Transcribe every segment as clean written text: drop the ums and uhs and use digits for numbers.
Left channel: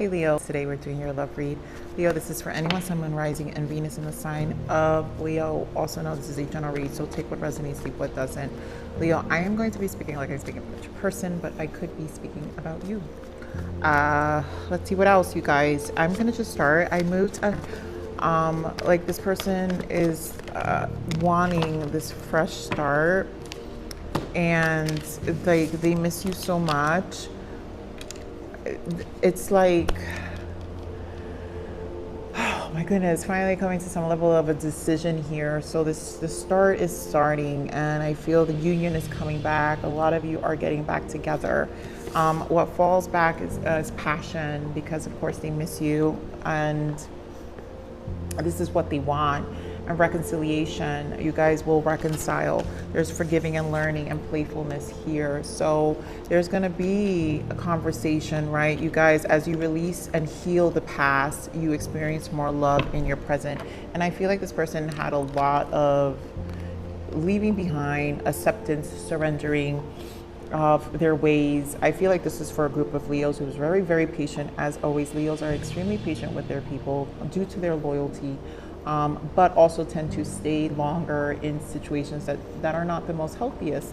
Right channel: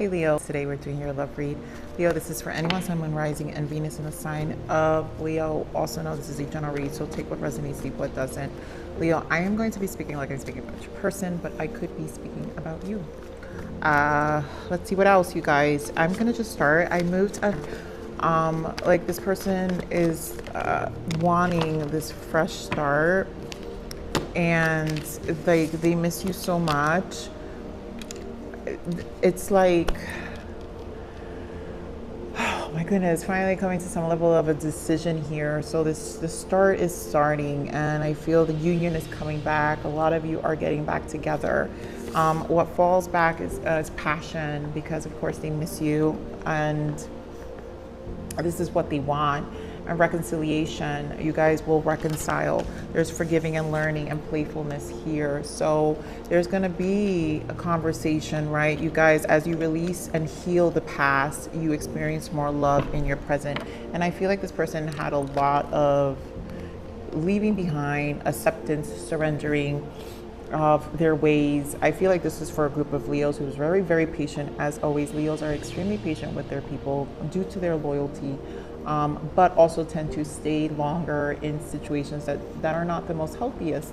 Hey Leo, today we're doing your love read. Leo, this is for anyone, Sun, Moon, Rising, and Venus in the sign of Leo. Also known as a general read, so take what resonates, leave what doesn't. Leo, I am going to be speaking like I speak about each person, but I could be speaking about you. Let's see what else, you guys. I'm gonna just start. I moved up. Like this person is wanting this fresh start, and like they miss you so much. It's like, oh my goodness, finally coming to some level of a decision here. So the start is starting, and I feel the union is coming back. A lot of you are getting back together. What falls back is passion, because of course they miss you, and this is what they want. A reconciliation. You guys will reconcile. There's forgiving and learning and playfulness here. So there's going to be a conversation, right? You guys, as you release and heal the past, you experience more love in your present. And I feel like this person had a lot of leaving behind, acceptance, surrendering of their ways. I feel like this is for a group of Leos who's very, very patient. As always, Leos are extremely patient with their people due to their loyalty. But also tend to stay longer in situations that are not the most healthiest.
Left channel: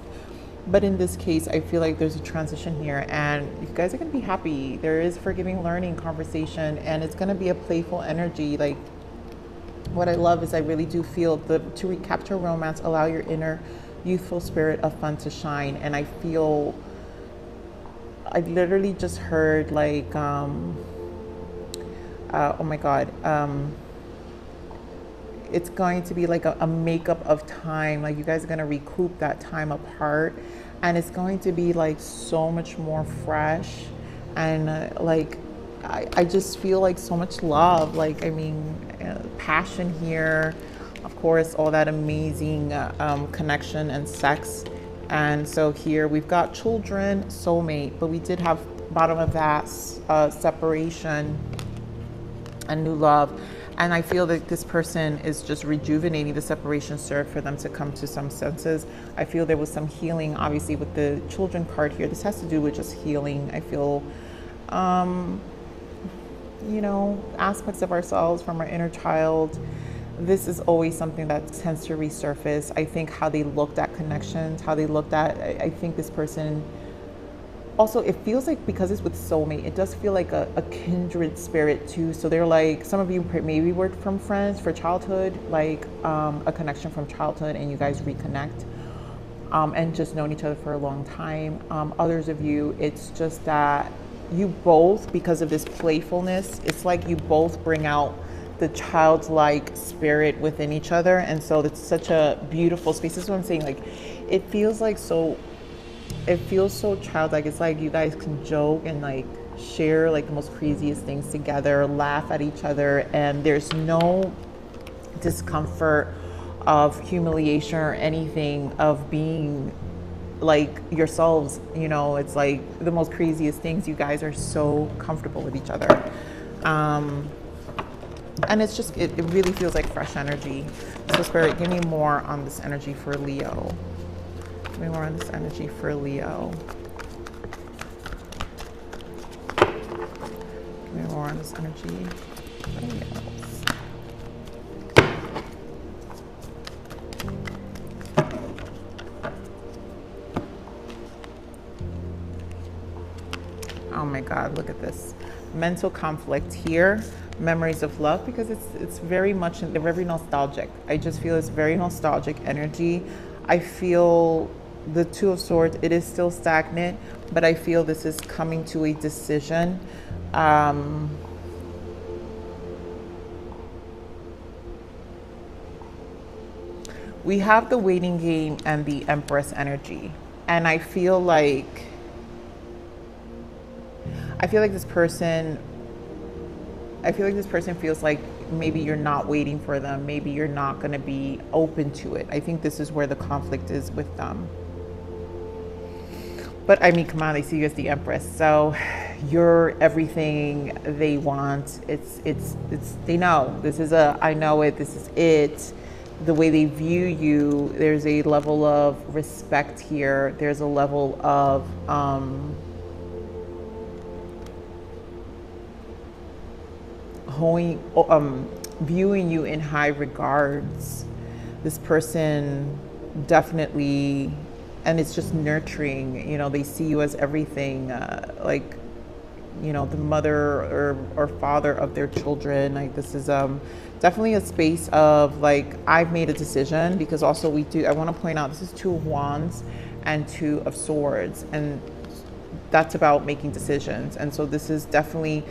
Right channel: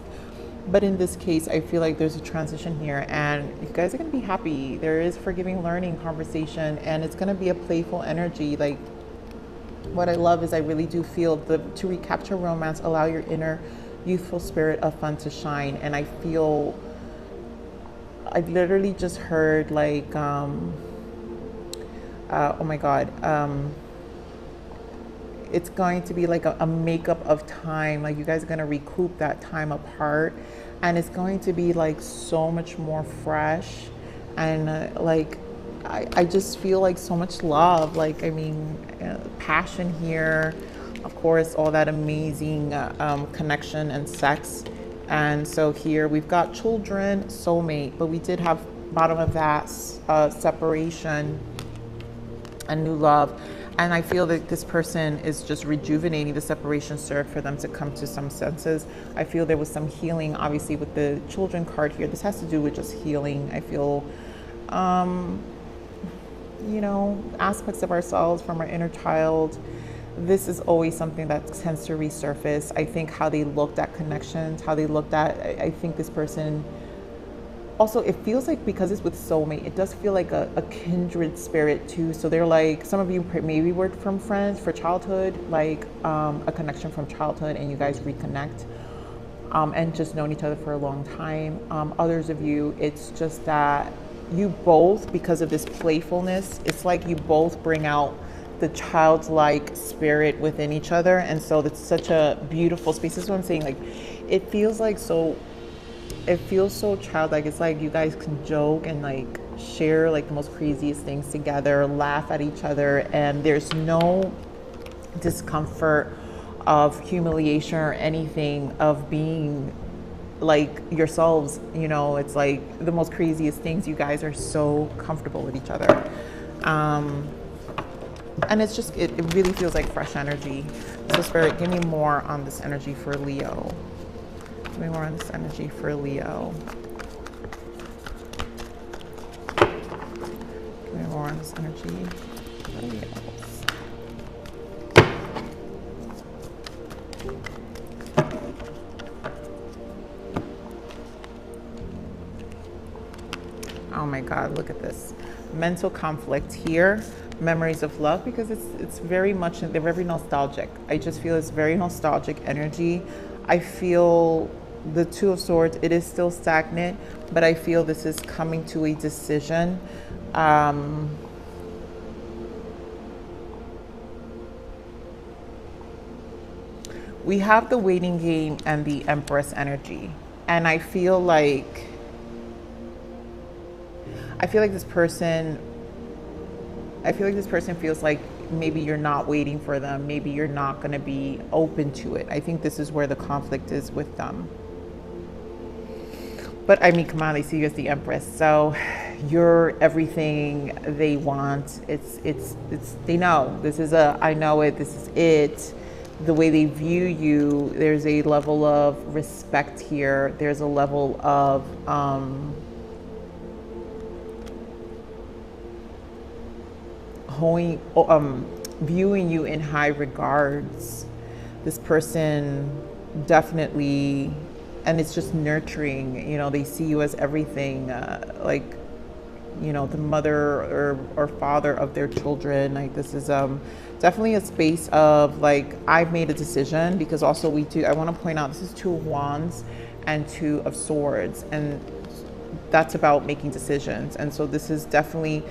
But in this case, I feel like there's a transition here, and you guys are going to be happy. There is forgiving, learning, conversation, and it's going to be a playful energy. Like, what I love is I really do feel to recapture romance, allow your inner youthful spirit of fun to shine. And I feel, I've literally just heard like, oh my God, it's going to be like a makeup of time. Like you guys are going to recoup that time apart, and it's going to be like so much more fresh, and like I just feel like so much love. Like, I mean, passion here, of course, all that amazing connection and sex. And so here we've got children, soulmate, but we did have bottom of that separation and new love. And I feel that this person is just rejuvenating. The separation served for them to come to some senses. I feel there was some healing, obviously, with the children card here. This has to do with just healing. I feel, you know, aspects of ourselves from our inner child. This is always something that tends to resurface. I think how they looked at connections, how they looked at, I think this person, also, it feels like, because it's with soulmate, it does feel like a kindred spirit too. So they're like, some of you maybe worked from friends for childhood, like a connection from childhood, and you guys reconnect and just known each other for a long time. Others of you, it's just that you both, because of this playfulness, it's like you both bring out the childlike spirit within each other. And so it's such a beautiful space. This is what I'm saying. Like, it feels like it feels so childlike. It's like you guys can joke and like share like the most craziest things together, laugh at each other, and there's no discomfort of humiliation or anything, of being like yourselves. You know, it's like the most craziest things. You guys are so comfortable with each other. And it's just, it really feels like fresh energy. So Spirit, give me more on this energy for Leo. Give me more on this energy for Leo. Give me more on this energy for Leo. Oh my God, look at this. Mental conflict here. Memories of love, because it's very much, they're very nostalgic. I just feel it's very nostalgic energy. I feel the Two of Swords, it is still stagnant, but I feel this is coming to a decision. We have the waiting game and the Empress energy, and I feel like this person feels like maybe you're not waiting for them. Maybe you're not going to be open to it. I think this is where the conflict is with them. But I mean, come on, I see you as the Empress. So you're everything they want. It's they know. This is I know it. This is it. The way they view you, there's a level of respect here. There's a level of viewing you in high regards. This person definitely, and it's just nurturing, you know, they see you as everything, like, you know, the mother or father of their children. Like, this is definitely a space of like, I've made a decision, because also I want to point out, this is 2 of Wands and 2 of Swords, and that's about making decisions. And so this is definitely,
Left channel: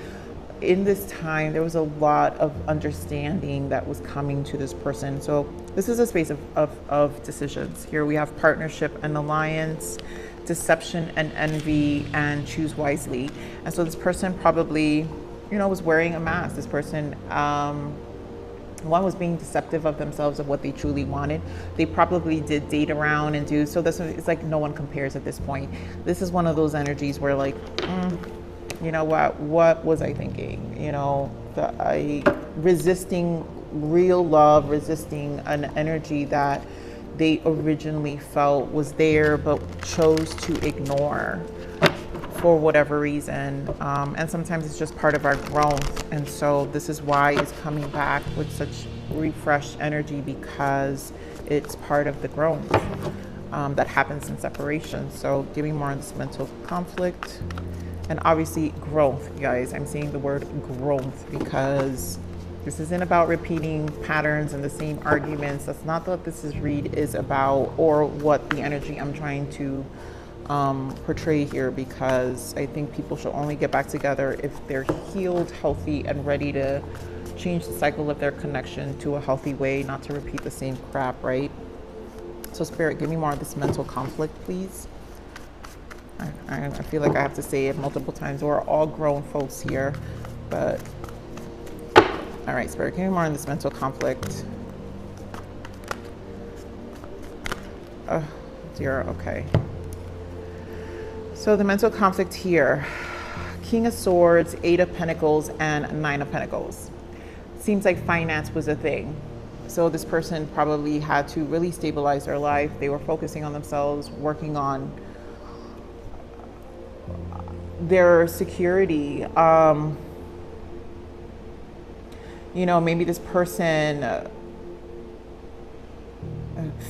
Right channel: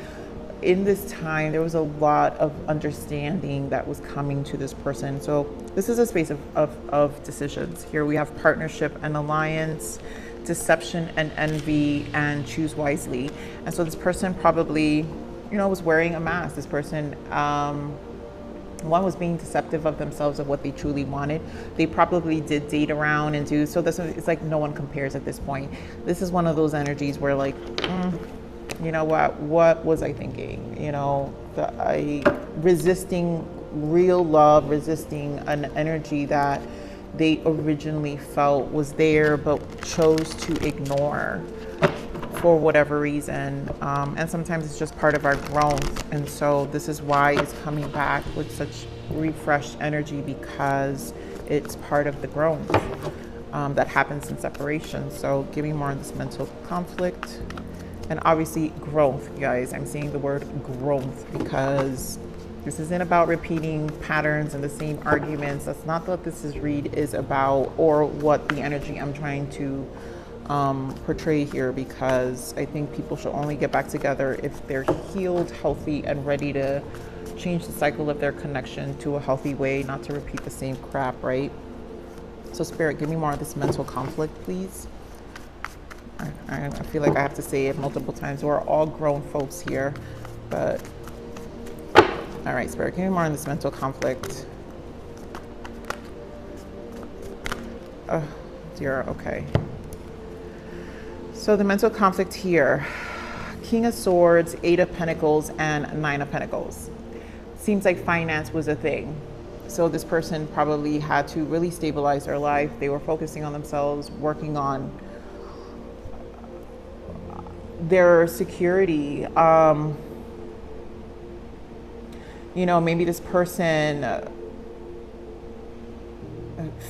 in this time, there was a lot of understanding that was coming to this person. So this is a space of decisions. Here we have partnership and alliance, deception and envy, and choose wisely. And so this person probably, you know, was wearing a mask. This person, one was being deceptive of themselves and what they truly wanted. They probably did date around and do, so this is, it's like no one compares at this point. This is one of those energies where like, you know what was I thinking? You know, resisting real love, resisting an energy that they originally felt was there but chose to ignore for whatever reason. And sometimes it's just part of our growth. And so this is why it's coming back with such refreshed energy, because it's part of the growth that happens in separation. So give me more of this mental conflict. And obviously growth, guys. I'm saying the word growth because this isn't about repeating patterns and the same arguments. That's not what this read is about, or what the energy I'm trying to portray here, because I think people should only get back together if they're healed, healthy, and ready to change the cycle of their connection to a healthy way, not to repeat the same crap, right? So Spirit, give me more of this mental conflict, please. I feel like I have to say it multiple times. We're all grown folks here, but all right, Spirit, give me more on this mental conflict. 0, okay. So the mental conflict here, King of Swords, 8 of Pentacles, and 9 of Pentacles. Seems like finance was a thing. So this person probably had to really stabilize their life. They were focusing on themselves, working on their security. You know, maybe this person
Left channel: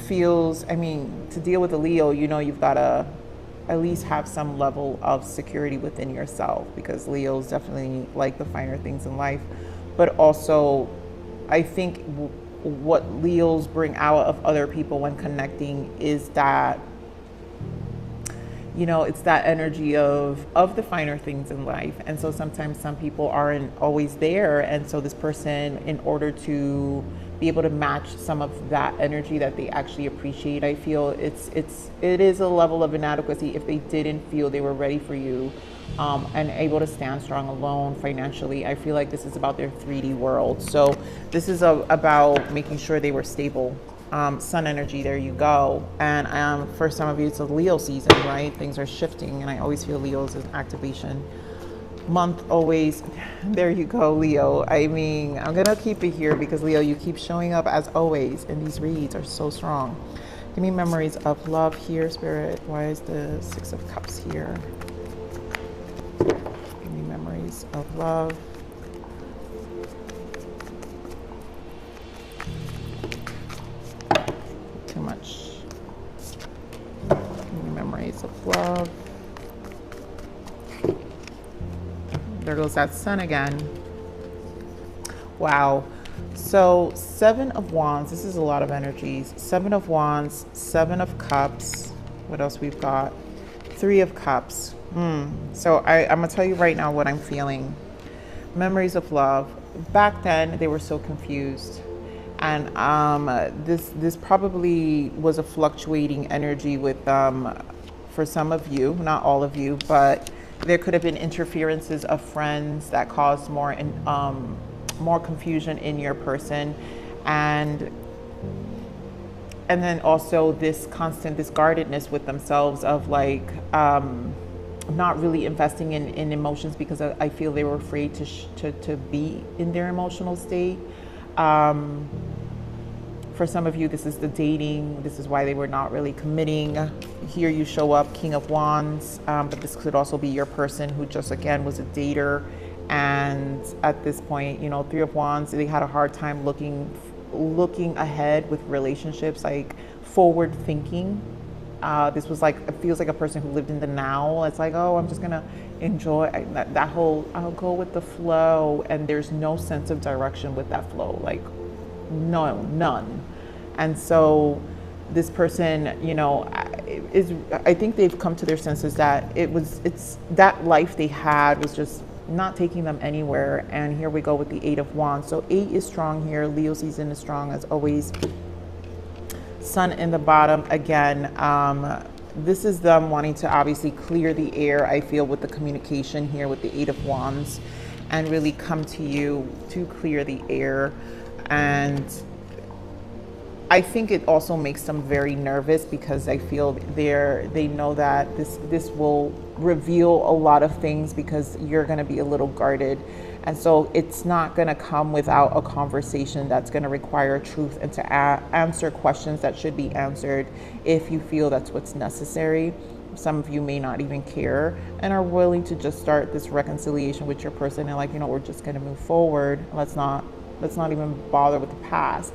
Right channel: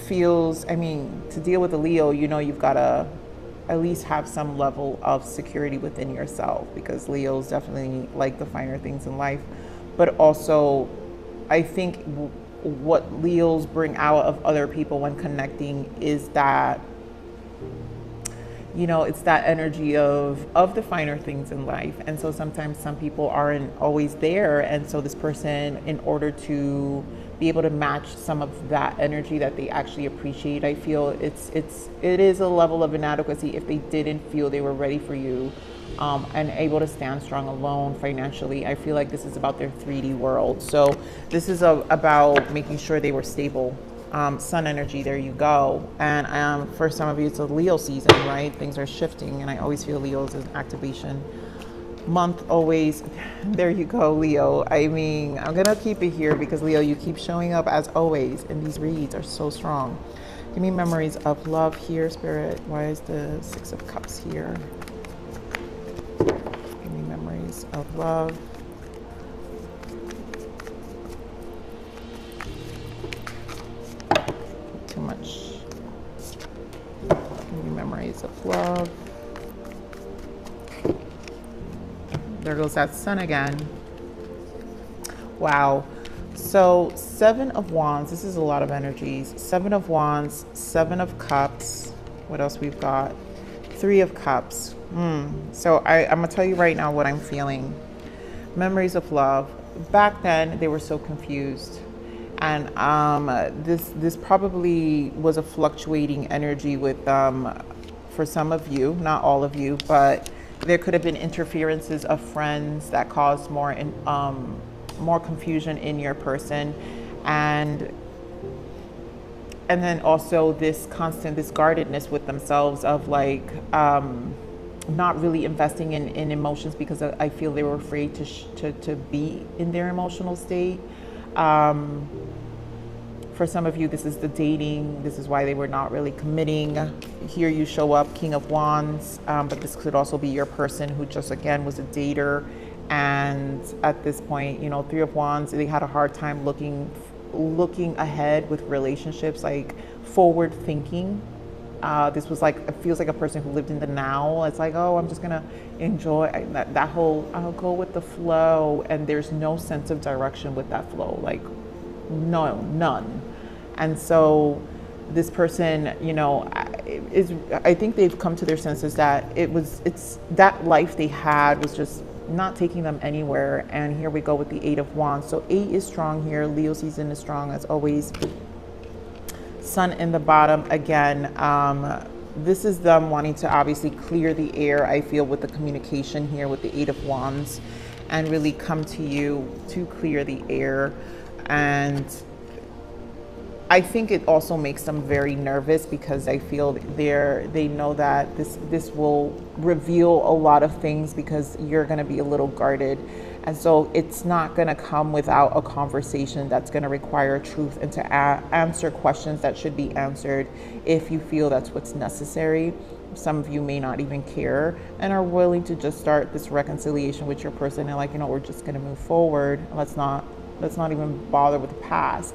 feels, I mean, to deal with a Leo, you know, you've got to at least have some level of security within yourself, because Leos definitely like the finer things in life. But also, I think what Leos bring out of other people when connecting is that, you know, it's that energy of the finer things in life. And so sometimes some people aren't always there. And so this person, in order to be able to match some of that energy that they actually appreciate, I feel it is a level of inadequacy if they didn't feel they were ready for you, and able to stand strong alone financially. I feel like this is about their 3D world. So this is about making sure they were stable. Sun energy, there you go. And for some of you, it's a Leo season, right? Things are shifting, and I always feel Leo's an activation month, always. There you go, Leo. I mean, I'm gonna keep it here because Leo, you keep showing up as always, and these reads are so strong. Give me memories of love here, Spirit. Why is the 6 of Cups here? Give me memories of love. Too much. Give me memories of love. There goes that sun again. Wow. So 7 of Wands. This is a lot of energies. 7 of Wands, 7 of Cups. What else we've got? 3 of Cups. So I'm gonna tell you right now what I'm feeling. Memories of love. Back then, they were so confused. And this probably was a fluctuating energy with for some of you, not all of you, but there could have been interferences of friends that caused more confusion in your person, and then also this guardedness with themselves of like not really investing in emotions, because I feel they were afraid to be in their emotional state. For some of you, this is the dating. This is why they were not really committing. Here you show up, King of Wands, but this could also be your person who just, again, was a dater And at this point, you know, Three of Wands, they had a hard time looking ahead with relationships, like forward thinking. This was like, it feels like a person who lived in the now. It's like, oh, I'm just gonna enjoy that whole, I'll go with the flow, and there's no sense of direction with that flow, like none. And so this person, you know, I think they've come to their senses that it's that life they had was just not taking them anywhere. And here we go with the Eight of Wands. So 8 is strong here. Leo season is strong as always. Sun in the bottom again. This is them wanting to obviously clear the air, I feel, with the communication here with the Eight of Wands, and really come to you to clear the air. And I think it also makes them very nervous because I feel they know that this will reveal a lot of things because you're going to be a little guarded. And so it's not going to come without a conversation that's going to require truth and to answer questions that should be answered if you feel that's what's necessary. Some of you may not even care and are willing to just start this reconciliation with your person and like, you know, we're just going to move forward. Let's not even bother with the past.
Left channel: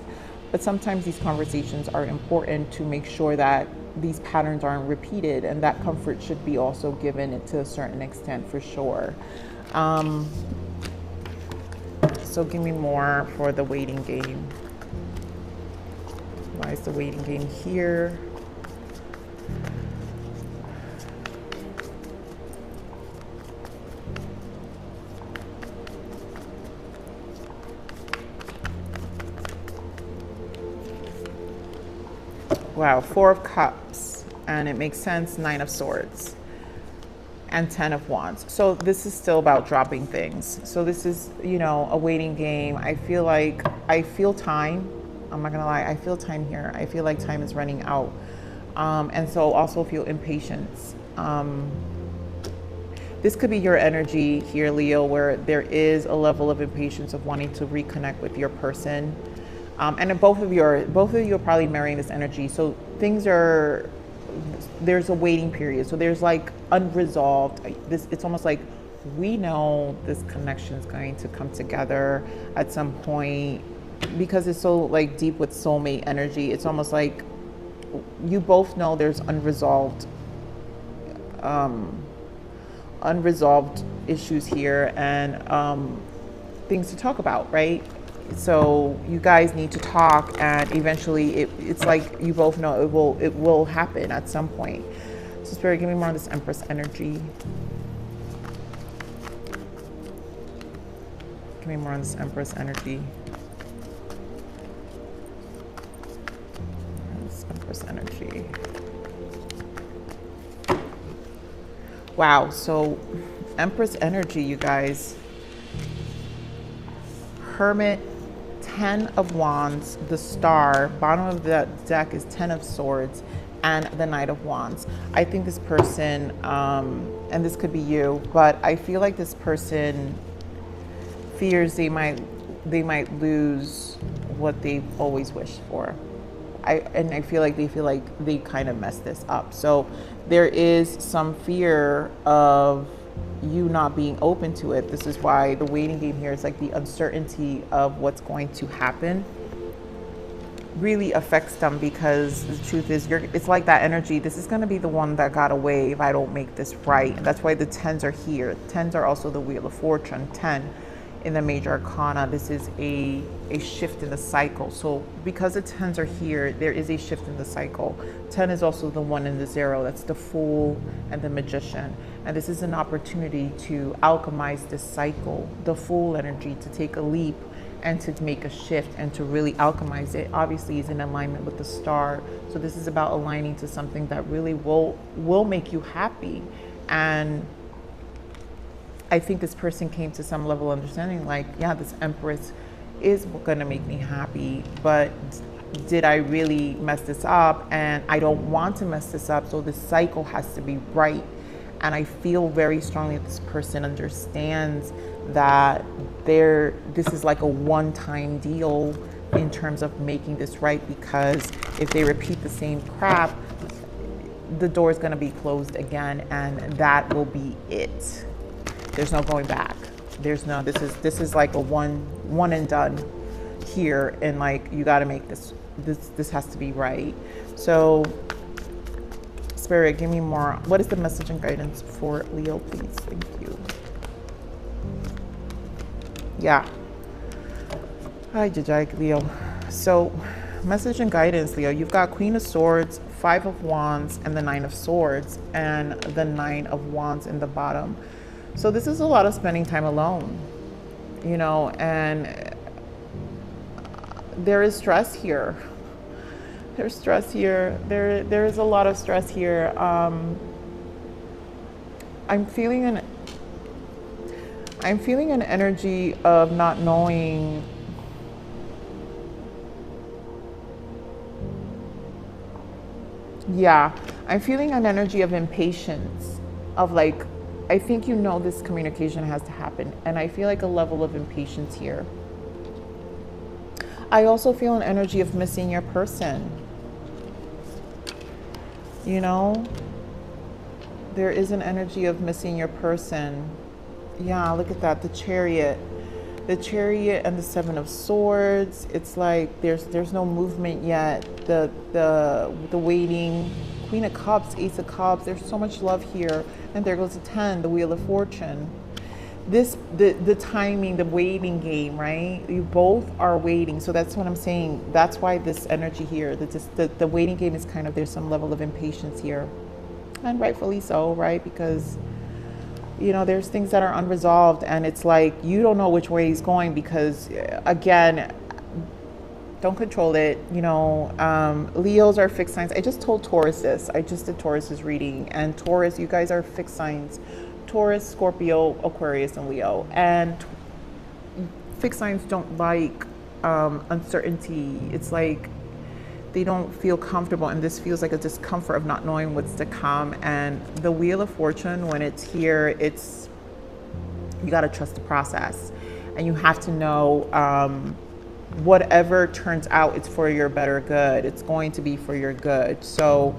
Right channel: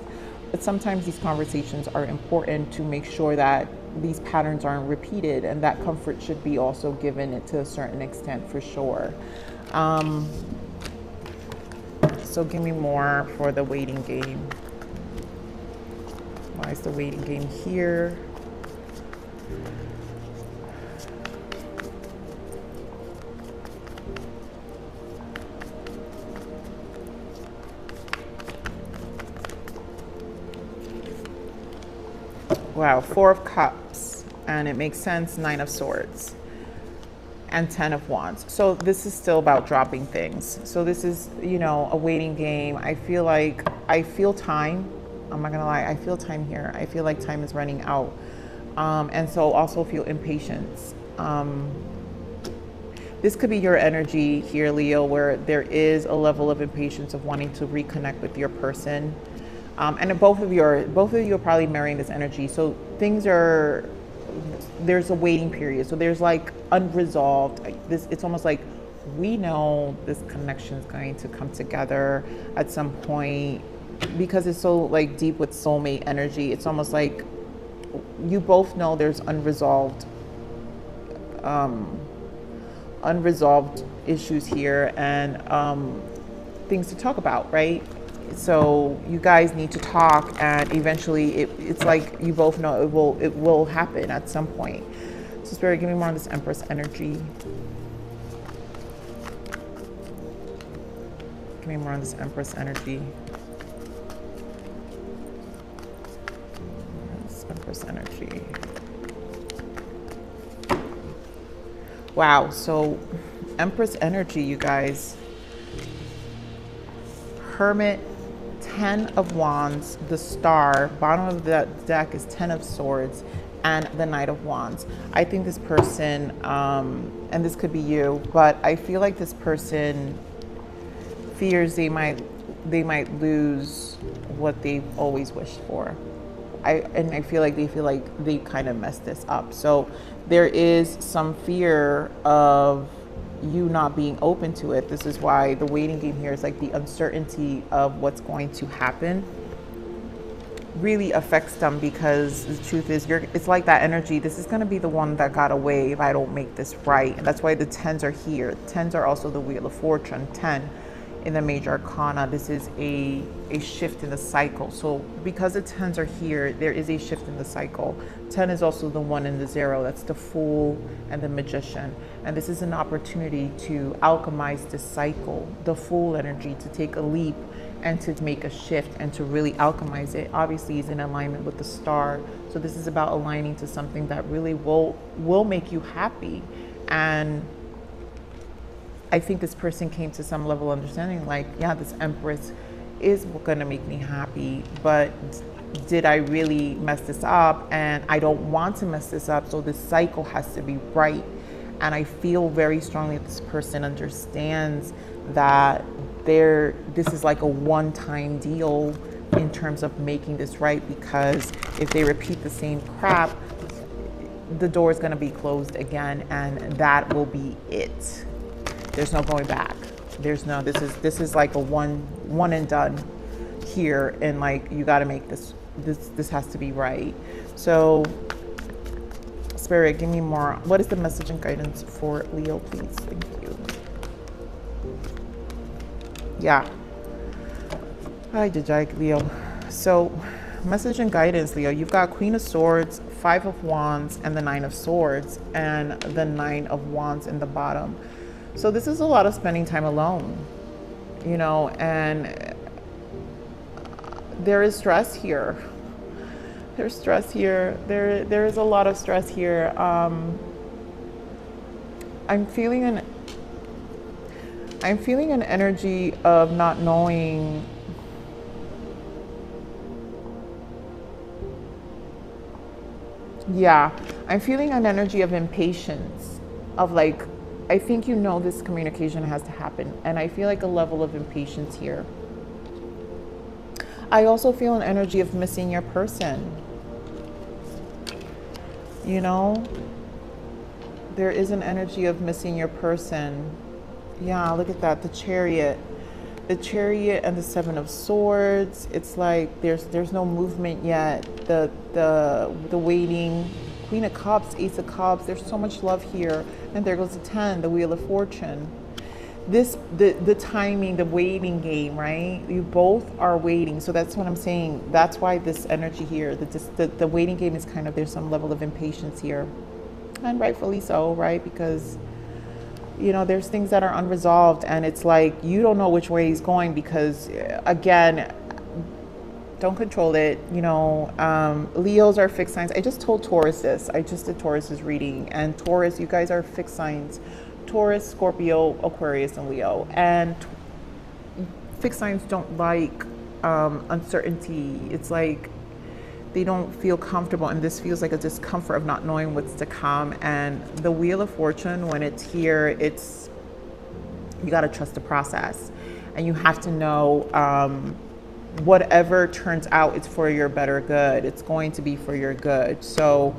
But sometimes these conversations are important to make sure that these patterns aren't repeated, and that comfort should be also given to a certain extent for sure. So give me more for the waiting game. Why is the waiting game here? Wow, Four of Cups, and it makes sense, Nine of Swords, and 10 of Wands. So this is still about dropping things. So this is, you know, a waiting game. I feel time. I'm not gonna lie, I feel time here. I feel like time is running out. And so also feel impatience. This could be your energy here, Leo, where there is a level of impatience of wanting to reconnect with your person. And both of you are probably marrying this energy. So there's a waiting period. So there's like unresolved, it's almost like we know this connection is going to come together at some point because it's so like deep with soulmate energy. It's almost like you both know there's unresolved issues here and things to talk about, right? So you guys need to talk, and eventually it's like you both know it will happen at some point. So Spirit, give me more of this Empress energy. Give me more of this Empress energy. This Empress energy. Wow, so Empress energy, you guys. Hermit, 10 of Wands, the Star, bottom of the deck is 10 of Swords, and the Knight of Wands. I think this person, and this could be you, but I feel like this person fears they might lose what they've always wished for. I feel like they kind of messed this up. So there is some fear of you not being open to it. This is why the waiting game here is like the uncertainty of what's going to happen really affects them, because the truth is it's like that energy. This is going to be the one that got away if I don't make this right. And that's why the 10s are here. The 10s are also the Wheel of Fortune, 10 in the major arcana. This is a shift in the cycle. So because the 10s are here, there is a shift in the cycle. 10 is also the 1 and the 0. That's the Fool and the Magician. And this is an opportunity to alchemize this cycle, the Fool energy, to take a leap and to make a shift and to really alchemize it. Obviously is in alignment with the Star. So this is about aligning to something that really will make you happy. And I think this person came to some level of understanding, like, yeah, this Empress is gonna make me happy, but did I really mess this up? And I don't want to mess this up, so this cycle has to be right. And I feel very strongly this person understands that this is like a one-time deal in terms of making this right, because if they repeat the same crap, the door is going to be closed again, and that will be it. There's no going back. There's no, this is like a one and done here, and like you got to make this has to be right. So Spirit, give me more. What is the message and guidance for Leo, please? Thank you. Yeah. Hi, Jajak, Leo. So message and guidance, Leo. You've got Queen of Swords, Five of Wands, and the Nine of Swords, and the Nine of Wands in the bottom. So this is a lot of spending time alone, you know, and there is stress here. There's stress here. There is a lot of stress here. I'm feeling an energy of not knowing. Yeah, I'm feeling an energy of impatience, of like, I think you know this communication has to happen, and I feel like a level of impatience here. I also feel an energy of missing your person. You know, there is an energy of missing your person. Yeah, look at that, the Chariot and the Seven of Swords. It's like there's no movement yet. The waiting, Queen of Cups, Ace of Cups. There's so much love here, and there goes the 10, the Wheel of Fortune. The timing, the waiting game, right? You both are waiting, so that's what I'm saying. That's why this energy here, the waiting game is kind of, there's some level of impatience here, and rightfully so, right? Because you know, there's things that are unresolved, and it's like you don't know which way it's going, because again, don't control it. You know, Leos are fixed signs. I just told Taurus this. I just did Taurus's reading, and Taurus, you guys are fixed signs. Taurus, Scorpio, Aquarius, and Leo. And fixed signs don't like uncertainty. It's like they don't feel comfortable, and this feels like a discomfort of not knowing what's to come. And the Wheel of Fortune, when it's here, it's, you got to trust the process, and you have to know whatever turns out, it's for your better good. It's going to be for your good. So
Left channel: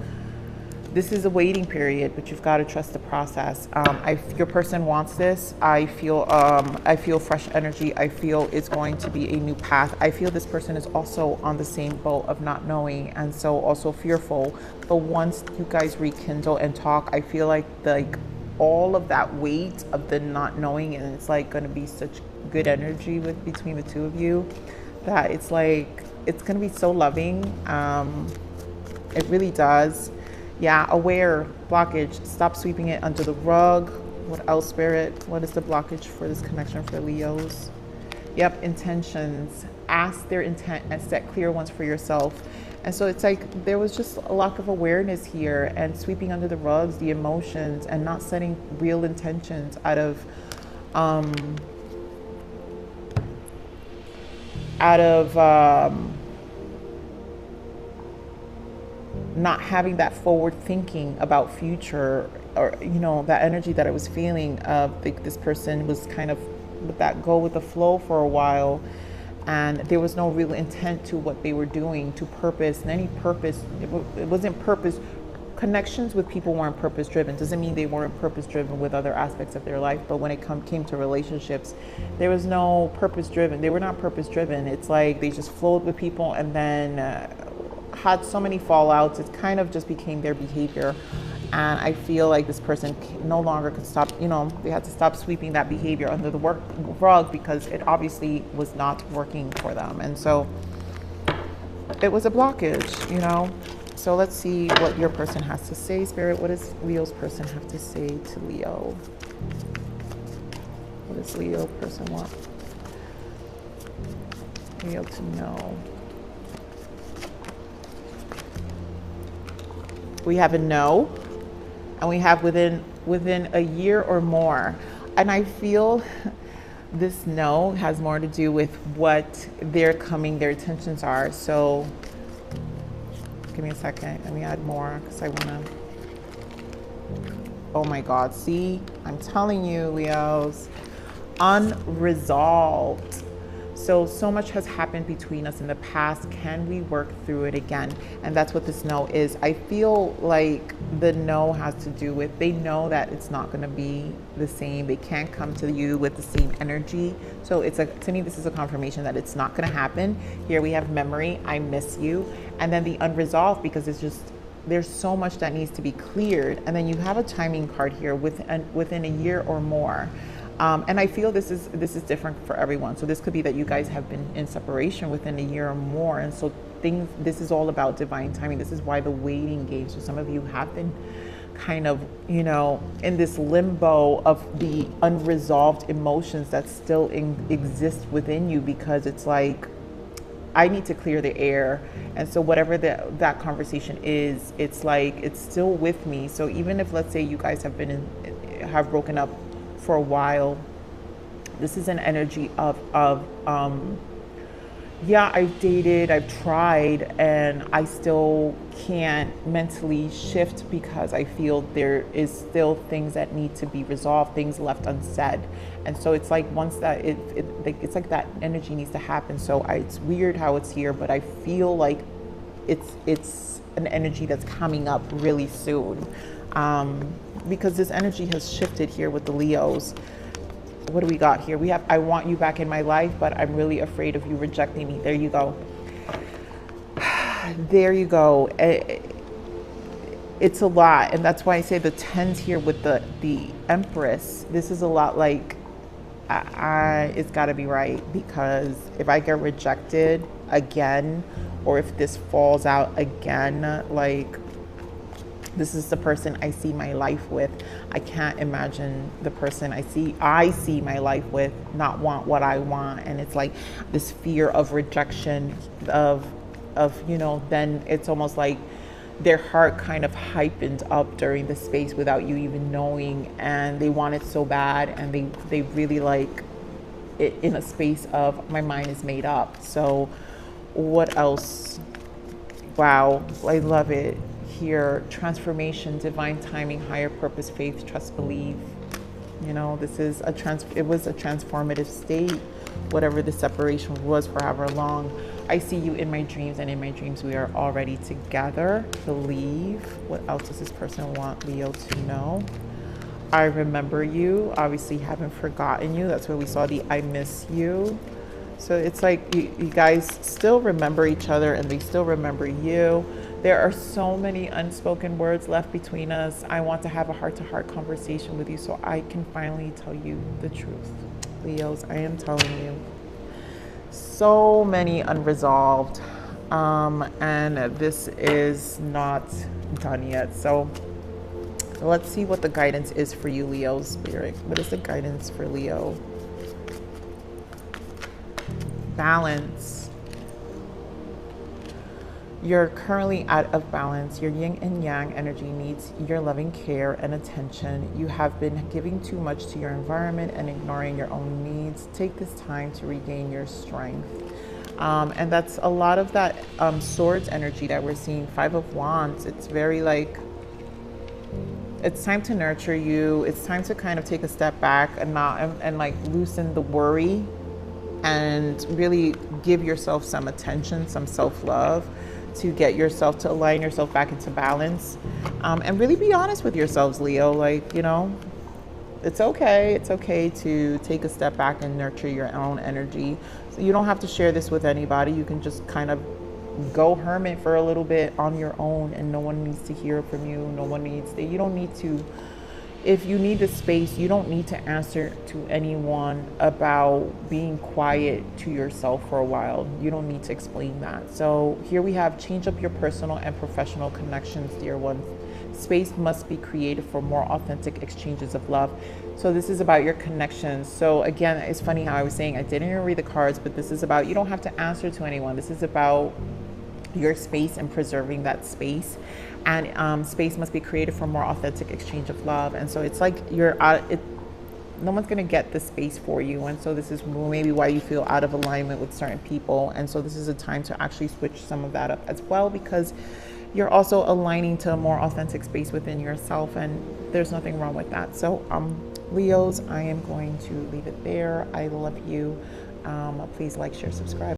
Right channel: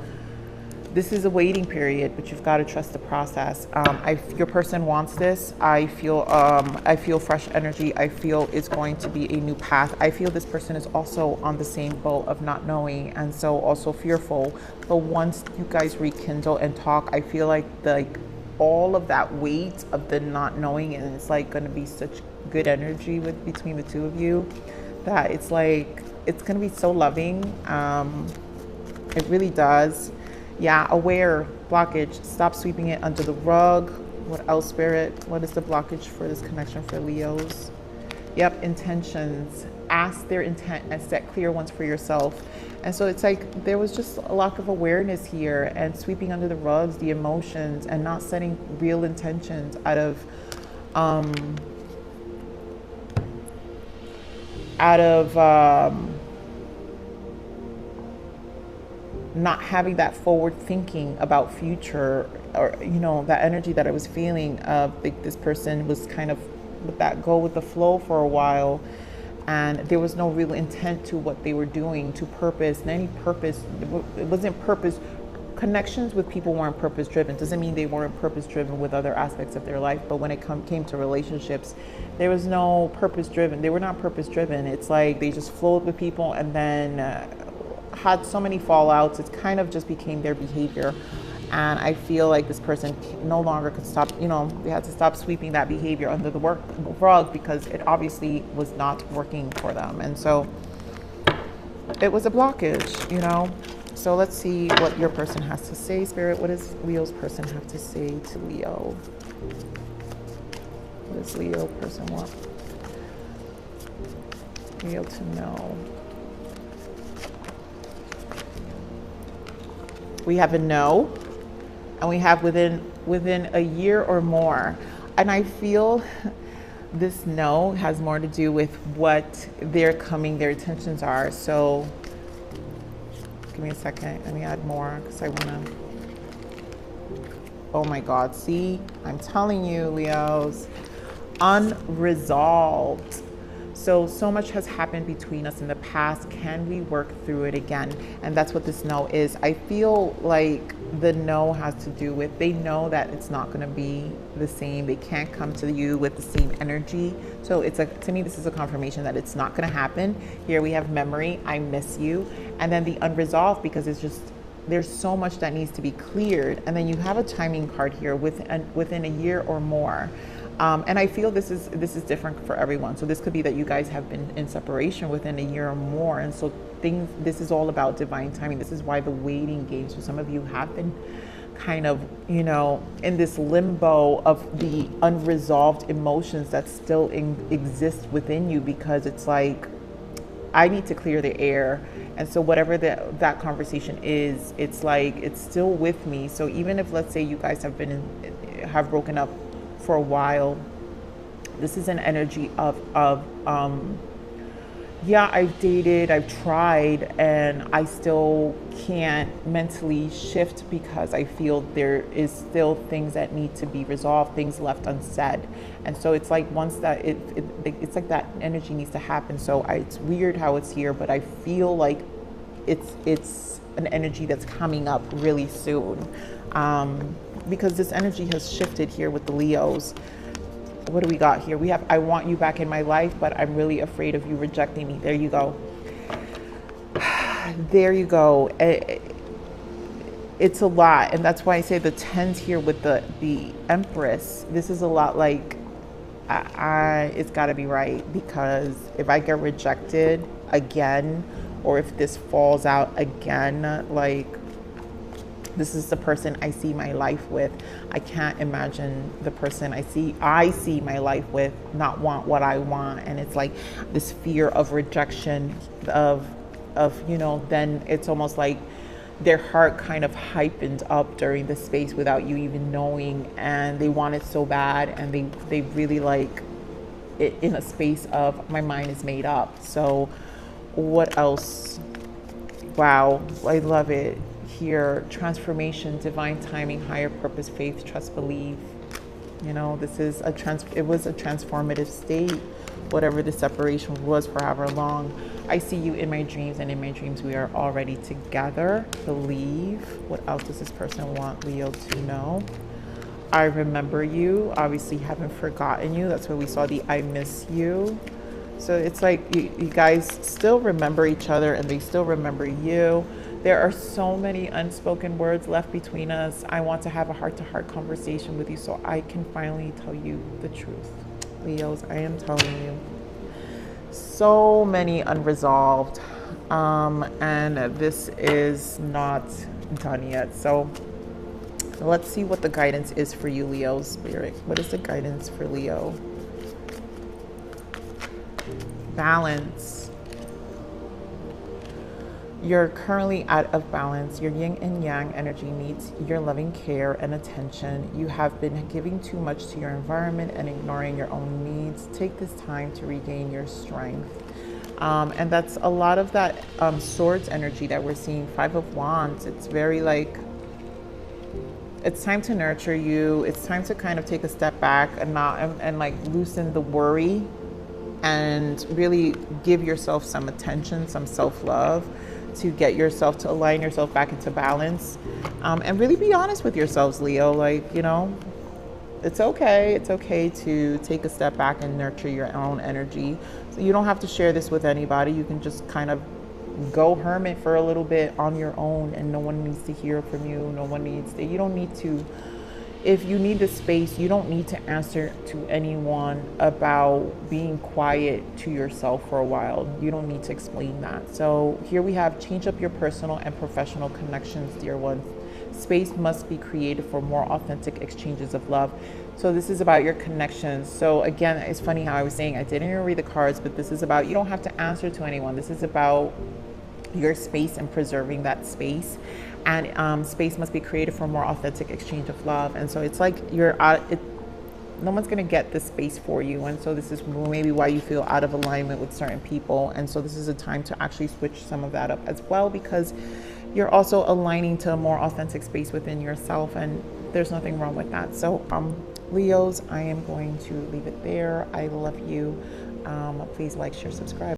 this is a waiting period, but you've got to trust the process. Your person wants this. I feel fresh energy. I feel it's going to be a new path. I feel this person is also on the same boat of not knowing, and so also fearful. But once you guys rekindle and talk, I feel like all of that weight of the not knowing, and it's like going to be such good energy between the two of you, that it's like it's going to be so loving. It really does. Yeah, aware, blockage, stop sweeping it under the rug. What else, Spirit? What is the blockage for this connection for Leos? Yep, intentions. Ask their intent and set clear ones for yourself. And so it's like there was just a lack of awareness here, and sweeping under the rugs the emotions, and not setting real intentions out of not having that forward thinking about future, or you know, that energy that I was feeling of this person was kind of with that go with the flow for a while, and there was no real intent to what they were doing, to purpose. Any purpose, it wasn't purpose. Connections with people weren't purpose driven. Doesn't mean they weren't purpose driven with other aspects of their life, but when it came to relationships, there was no purpose driven. They were not purpose driven. It's like they just flowed with people, and then had so many fallouts. It kind of just became their behavior, and I feel like this person no longer could stop. You know, they had to stop sweeping that behavior under the rug, because it obviously was not working for them, and so it was a blockage, you know. So let's see what your person has to say, Spirit. What does Leo's person have to say to Leo? What does Leo person want Leo to know? We have a no, and we have within a year or more. And I feel this no has more to do with what their intentions are. So give me a second. Let me add more, because I want to. Oh my God. See, I'm telling you, Leos, unresolved. So much has happened between us in the past. Can we work through it again? And that's what this no is. I feel like the no has to do with, they know that it's not going to be the same. They can't come to you with the same energy. So it's like, to me, this is a confirmation that it's not going to happen. Here we have memory, I miss you. And then the unresolved, because it's just, there's so much that needs to be cleared. And then you have a timing card here within a year or more. And I feel this is different for everyone. So this could be that you guys have been in separation within a year or more. And so this is all about divine timing. This is why the waiting game. So some of you have been kind of, you know, in this limbo of the unresolved emotions that still exist within you, because it's like, I need to clear the air. And so whatever that conversation is, it's like, it's still with me. So even if, let's say, you guys have have broken up for a while, this is an energy of yeah, I've dated, I've tried, and I still can't mentally shift because I feel there is still things that need to be resolved, things left unsaid. And so it's like, once that it's like that energy needs to happen. So it's weird how it's here, but I feel like it's an energy that's coming up really soon, because this energy has shifted here with the Leos. What do we got here? We have, I want you back in my life, but I'm really afraid of you rejecting me. There you go. There you go. It's a lot. And that's why I say the 10s here with the Empress. This is a lot like, it's got to be right, because if I get rejected again, or if this falls out again, like, this is the person I see my life with. I can't imagine the person I see my life with not want what I want. And it's like this fear of rejection, of you know, then it's almost like their heart kind of hypened up during the space without you even knowing, and they want it so bad, and they really like it in a space of, my mind is made up. So what else? Wow, I love it. Here, transformation, divine timing, higher purpose, faith, trust, believe. You know, this is it was a transformative state, whatever the separation was for however long. I see you in my dreams, and in my dreams we are already together. Believe. What else does this person want Leo to know? I remember you. Obviously haven't forgotten you. That's where we saw the I miss you. So it's like you guys still remember each other, and they still remember you. There are so many unspoken words left between us. I want to have a heart-to-heart conversation with you so I can finally tell you the truth. Leos, I am telling you. So many unresolved. And this is not done yet. So let's see what the guidance is for you, Leo Spirit. What is the guidance for Leo? Balance. You're currently out of balance. Your yin and yang energy needs your loving care and attention. You have been giving too much to your environment and ignoring your own needs. Take this time to regain your strength. And that's a lot of that swords energy that we're seeing. 5 of Wands. It's very like, it's time to nurture you. It's time to kind of take a step back and like loosen the worry, and really give yourself some attention, some self-love, to get yourself to align yourself back into balance, and really be honest with yourselves, Leo. Like, you know, it's okay to take a step back and nurture your own energy. So you don't have to share this with anybody. You can just kind of go hermit for a little bit on your own, and no one needs to hear from you. No one needs to, you don't need to, if you need the space, you don't need to answer to anyone about being quiet to yourself for a while. You don't need to explain that. So here we have, change up your personal and professional connections, dear ones. Space must be created for more authentic exchanges of love. So this is about your connections. So again, it's funny how I was saying I didn't even read the cards, but this is about, you don't have to answer to anyone. This is about your space and preserving that space, and space must be created for more authentic exchange of love. And so it's like you're out, no one's going to get the space for you, and so this is maybe why you feel out of alignment with certain people. And so this is a time to actually switch some of that up as well, because you're also aligning to a more authentic space within yourself, and there's nothing wrong with that. So Leos, I am going to leave it there. I love you. Please like, share, subscribe.